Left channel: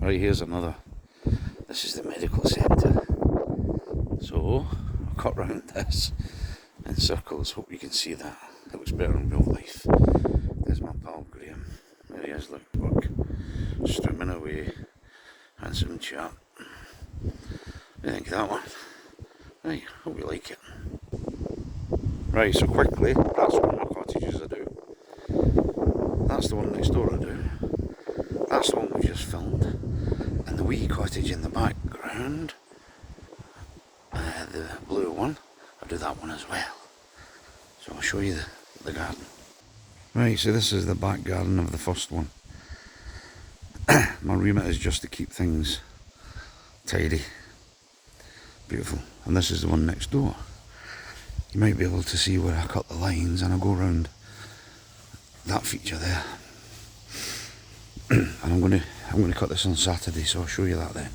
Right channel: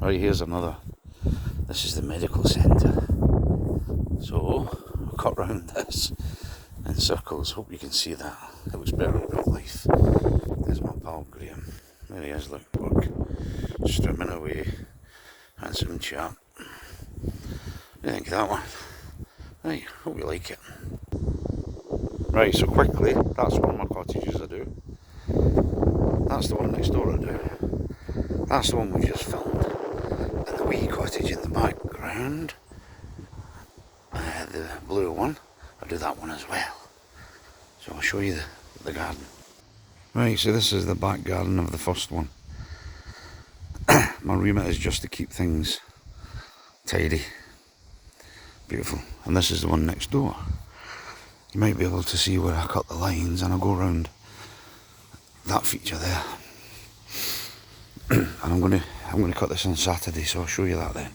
Right, here's another. This is the medical centre. So, I'll cut round this in circles. Hope you can see that. It looks better in real life. There's my pal Graham. There he is, look, work. Strimming away. Handsome chap. What do you think of that one? Right, hope you like it. Right, so quickly, that's one of my cottages I do. That's the one next door I do. That's the one we just filmed. And the wee cottage in the background, the blue one, I do that one as well. So I'll show you the garden. Right, so this is the back garden of the first one. My remit is just to keep things tidy. Beautiful. And this is the one next door. You might be able to see where I cut the lines, and I'll go around that feature there. And I'm going to cut this on Saturday, so I'll show you that then.